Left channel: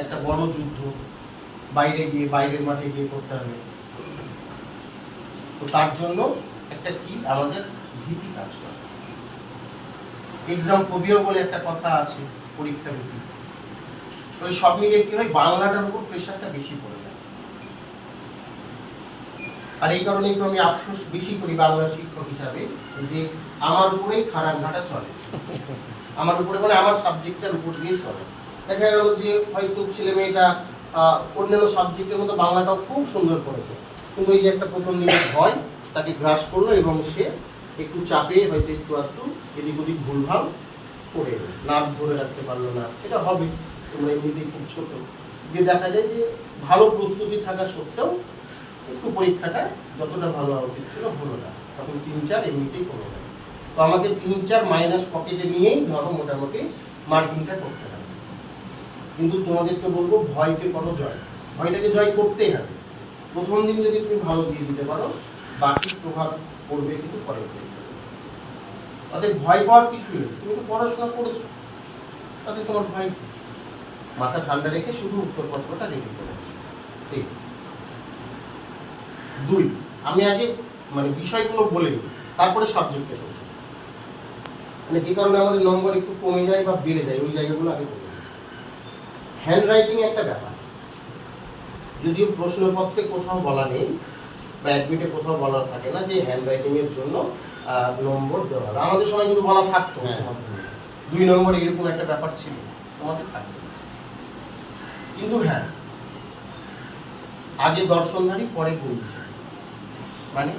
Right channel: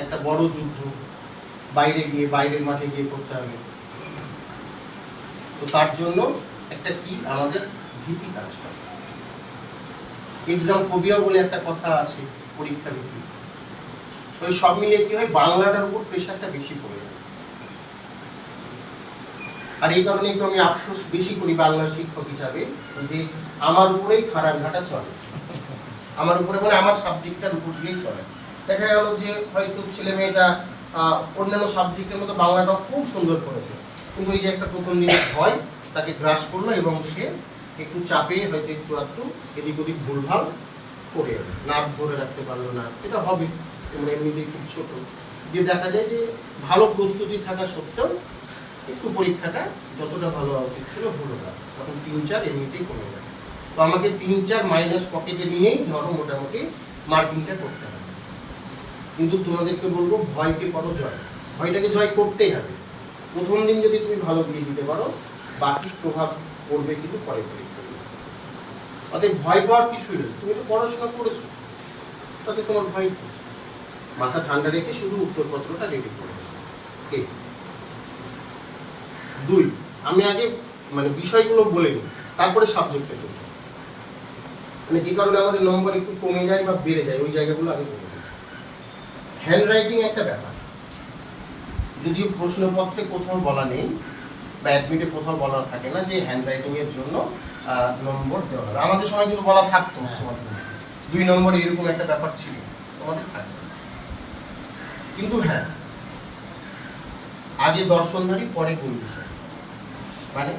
একটা বড় যুদ্ধ, বাইরে গিয়ে বাইরের মাঠে গিয়ে করতে হবে। তো তার জন্য একটা কি আমাদের ভীতি কাজ করে। এক্সাম ফোবিয়া বলে একটা কথা আছে পরীক্ষা ভীতি। এই সব মিলে কি হয়, বাংলাটার উপর প্রেশারটা বেশি পড়ে যায়। আর এই কারণে একটু আমি আফসোস বেশি করি বাংলা শিক্ষক হিসাবে যে আমার উপরেই খারাপ ঘাটা চলে। আমার উপরে মানে আমার সাবজেক্টটার উপর দিয়েই চলে। দেখা গেল যে হয়তো ছেলে মেয়েটা অন্যান্য সাবজেক্টের মতো বাংলাটাও খুব সুন্দর করেছে। কিন্তু এই যে একটা প্রথম দিকে ভয়, তাকে গ্রাস করল এবং সে একটু চাপে হয়তো একটু একটু এদিক ওদিক ভুলভাল করে। নাক ধরে রাখতে পারল না। এটা হবে, তোমরা এমনিতেই খুব ছোট। যে দেখা যায় যে ভালো প্রস্তুতি থাকা সত্ত্বেও একটু পরীক্ষাটা যতটা ভালো হওয়া উচিত ছিল হলো না। তখন তিন চার এমনিতেই কমে যাবে তো আমাকে তিন চার মাইনাস পকেটে নিয়েই ধরো মোটামুটি মার্কিংটা করতে হবে। কিন্তু তোমাদেরকে বলব, ভয়কে করো জয়। ভয়টাকে জয় করতেই হবে। প্রথম দিন যদি তুমি ভালো দিয়ে দিতে পারো, বাকি প্রভাব পড়বে কিন্তু পরে। অতএব ভয় পাওয়ার কিছুই নেই। তুমি তো পড়াশোনা করেছ। তাতে তোমার ভয়? মাথা ঠান্ডা রেখে শুধু উত্তরপত্রটা রেডি করে দুই, আমি আগে মানে বিষয়গুলো বলে নিই তারপরে সাবজেক্টে বলব। মানে যে কারণে আমাদের নম্বর একটু কমে যায় বা বেড়ে যায়, ওই জায়গাগুলো আগে বলে হ্যান্ড রাইটিং একটা ব্যাপার। যদিও প্রশ্নপত্রে কোথাও বলা নেই বা অ্যাডমিটে কোথাও বলা থাকে না যে হ্যান্ড রাইটিং এর জন্য দু নম্বর দেওয়া হবে। আমাদের সময় কিন্তু বলা থাকতো হ্যাঁ। দুই নম্বর এরকম একটা ব্যাপার ছিল। আমাদের থাকতো কিন্তু হ্যাঁ আগে দর্শনধারী পরে গুরুজন মানে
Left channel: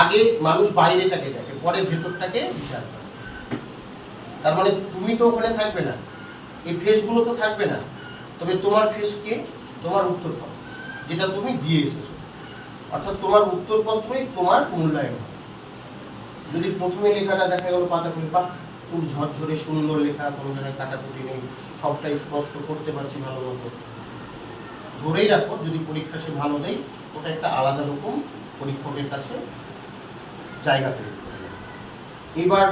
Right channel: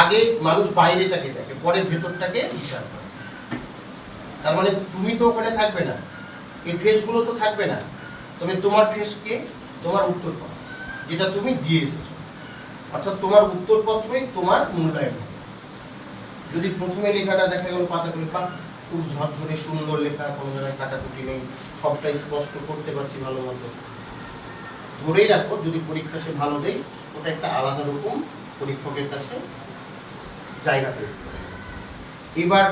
আগে মানুষ বাইরেটাকে দেখে পরে ভেতরটাকে বিচার করে। তার মানে তুমি তো ওখানে থাকবে না। এই ফেসগুলো তো থাকবে না। তবে তোমার ফেসকে তোমার উত্তরপত্র, যেটা তুমি দিয়ে এসেছ। অর্থাৎ তোমার উত্তরপত্রই তোমার মূল্যায়ন। যদি প্রথমে লেখাটা দেখা গেল পাতা করে বা খুব ঝরঝরে সুন্দর লেখা, কোনো জায়গায় কাটাকুটি নেই সবটাই স্পষ্ট করতে পারছি ভালো মতো। ধরেই রাখো, যদি পরীক্ষা সে ভালো দেয় ওটা একটা আলাদা রকম পরীক্ষকের কাছে জায়গা পেয়ে এবার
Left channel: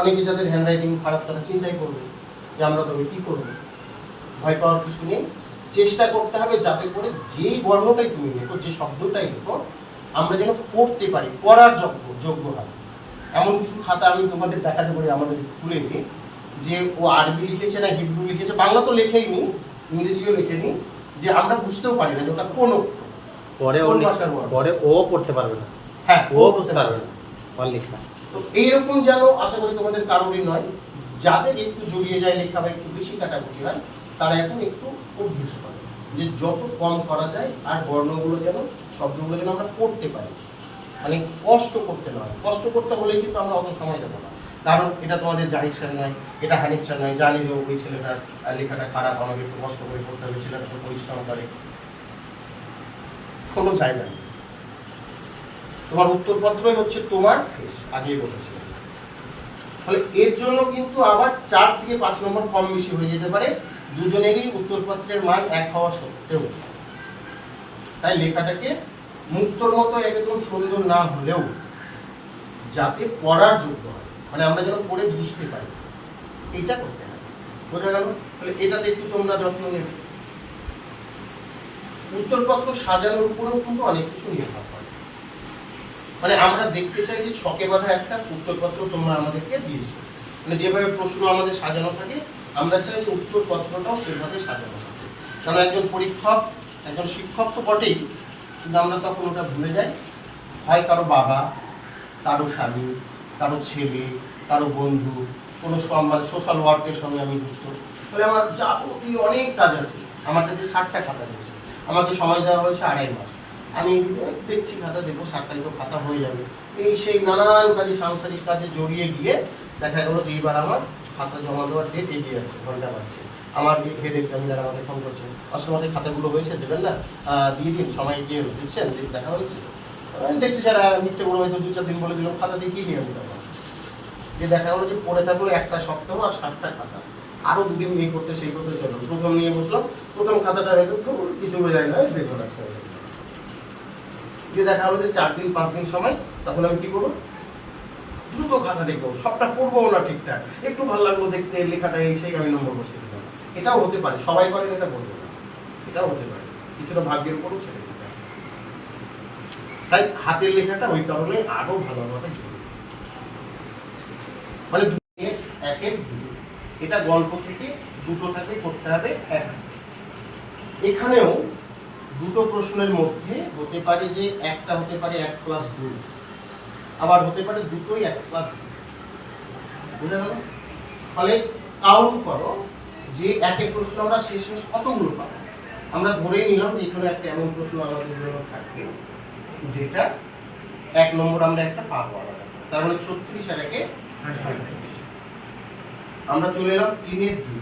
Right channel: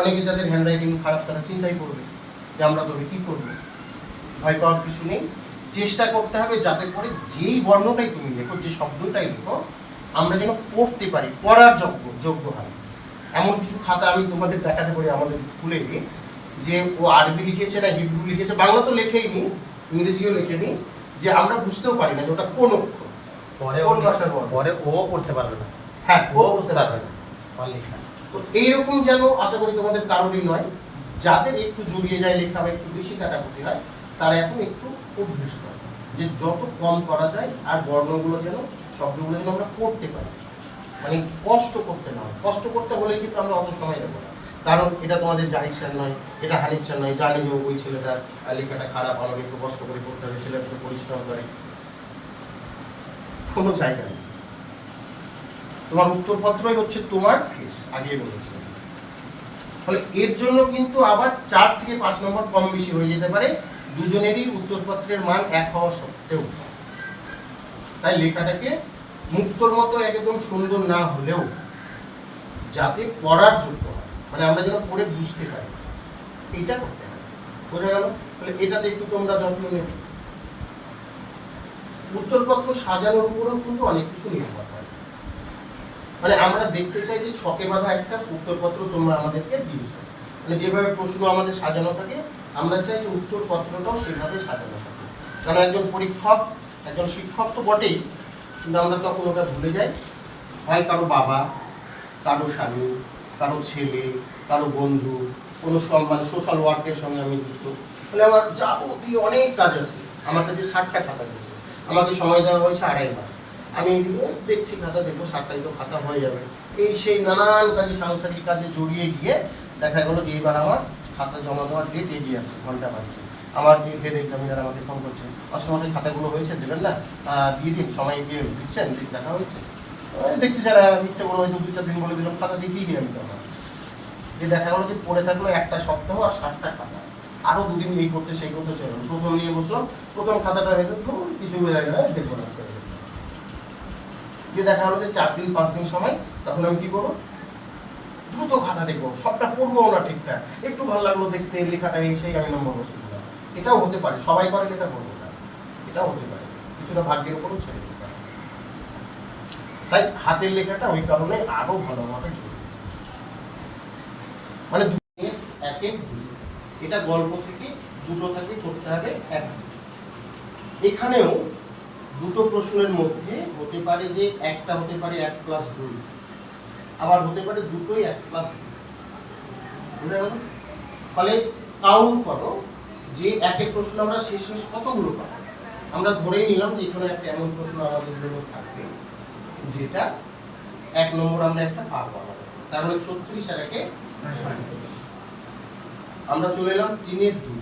অনেকে যাদের হ্যান্ডরাইটিং খারাপ, তারা চিন্তাই করবে যে আমরা তবে কী করব? ভয় পাওয়ার কিছু নেই। চেষ্টা করতে হবে যাতে করে যেই বর্ণটাই তুমি লেখো যে শব্দটাই লেখো আমরা যেন পড়তে পারি পড়ার যোগ্য যোগ্য হয় এমন কিছু খাতা আমি তোমাদের দেখাতে পারি আমাদের স্কুলে যে ও আরবি লিখেছে না হিব্রু লিখেছে বাংলা তো লেখেই নি ইংরেজিও লেখেনি যে আমরা বুঝতেও পারি না যে ওটা কোন অক্ষর। পরে ও কোন ভাষার পরে ও পড়তে পারবে না। হ্যাঁ ও বুঝতে পারবে না। লেখা। তো এইরকম যেন আশা করি তোমাদের কারোরই নয়। যাদের একটু জড়িয়ে যায় লেখা বা একটু বেশি কাটাকুটি হয় তারা এখন একটু করে যে যত কম করা যায় আর বর্ণগুলো যেন, শব্দগুলো যেন আমরা পড়তে পারি। মানে কষ্ট করতে না হয়। কষ্ট করতে হলে কিন্তু আমরা অত সময় দেবো না। কারণ এটা তোমাদের জাহিদ নয়, এটা হানিফ স্যার নয়, জানি যে ওই ছেলেটার লেখাটা খারাপ, আমাকে একটু কষ্ট করে পড়তে হবে, ছেলেটা একটু পরিশ্রম করে। কোনো জায়গা নেই। তোমার উত্তরপত্রই হচ্ছে তোমার ফেস আগে বলেছিলাম। ফলে এর জন্য কিন্তু আবার চার থেকে পাঁচ নম্বর কম বেশি হয়ে যেতে পারে। দুজনেরই উত্তরপত্রের মান এক হওয়া সত্ত্বেও। তাই লেখাটাকে মুক্তর মতো একদম সুন্দর না হলেও যাতে পড়ার যোগ্য হয় মানে আমরা যেন পড়ে বুঝতে পারি। এইটা করতে হবে। বোঝা গেল? তাহলে এটাতে একটু তোমরা যত্ন নেবে। উত্তরপত্র সাজানোর উপরেও কিন্তু অনেক কিছু নির্ভর করে। মানে আমরা দেখতে চাই যে ছকে বাঁধা একটা উত্তরপত্র তোমরা আমাদেরকে দিয়েছ। মানে যেভাবে প্রশ্ন আমাদের সাজানো থাকে আমরা চাই উত্তরপত্রটাও সেভাবে সাজানো থাকে কারণ একজন পরীক্ষক, একজন শিক্ষক তো বটেই, কিন্তু আমরা তখন ওটা ভুলে যাই। হয় কারও বাবা, কারও স্বামী, কারও ছেলে, কারও বন্ধু, কোনো মানে সোশ্যাল ওয়ার্কের সঙ্গে আমি যুক্ত। ফলে আমার যাবতীয় অনেক কাজ আছে। আমার কাছে ষাটটা খাতা দিয়েছে আমাকে সময় দেওয়া হয়েছে আড়াই মাস। আমি এদিকে দেখছি খাতা দেখব ষাটটাই তো খাতা হয়ে যাবে। এই সেই নানান কাজে, সাংসারিক কাজে জড়িয়ে গিয়ে দেখা গেলো যে এইবার আমার খাতা জমা দেওয়ার ডেট এগিয়ে আসছে ঘণ্টা বাজছে। আমার হেড এক্সামিনার আমাকে ফোন করছেন অসময় খাতাগুলো হয়েছে দেবেন না? দিয়ে দিন সময় গিয়ে দিচ্ছেন দেখ হয়েছে। দেখছি আহ, মিথ্যে বলে হয়তো দু চার দিন বলে দিলাম খাতা দিয়ে দিয়ে আমি যে দেখা গেলো যে পড়ে থাকল একটা সপ্তাহ আর ষাটটা খাতা। আরও দুদিন এই করতে সেই করতে চলবে প্রথম নিয়ে বসলাম প্রথম খাতাটা হয়তো খুব কিছু বোঝায় না দেখব না। যে দেখা হলো যে চার দিন পাঁচ দিন সময় তখন আমি কী করব? দ্রুত খাতা দেখব, সবটা পড়ব না ঠিকঠাক। একটু ভালো লাগল দেখতে, লেখাটা এই সেই আমি নম্বর বসিয়ে দিলাম। এটাও হতে পারে, সবাই করেন এটা বলব না। এটাও হতে পারে, কিছুটা ভাগ্যের উপরও ছেড়ে তাই হাতের লেখাটা ওই কারণে আরও ভালো হওয়াটা জরুরি মানে এক একের দুই এটা গল্প থেকে দুটো থেকে করতে হবে এক এখানেও দুটো প্রশ্নের মধ্যে হতে পারে যে একটা হতে পারে এক প্লাস দুই। আবার হতে পারে দুটোই এক দুই বুঝতে পারো ফলে কাউন্ট করো যে একের প্রশ্ন আমরা শেষমেশ কতগুলো পাবো? আমরা ধরেই নিলাম যে এখানে একটা এমন প্রশ্ন আমাদের জন্য থাকবে, যেটা এক নম্বর আমরা একটা পাবো। আলাদা তার মানে ছত্রিশ আর একে আমরা চলে এলাম তিনের দুই।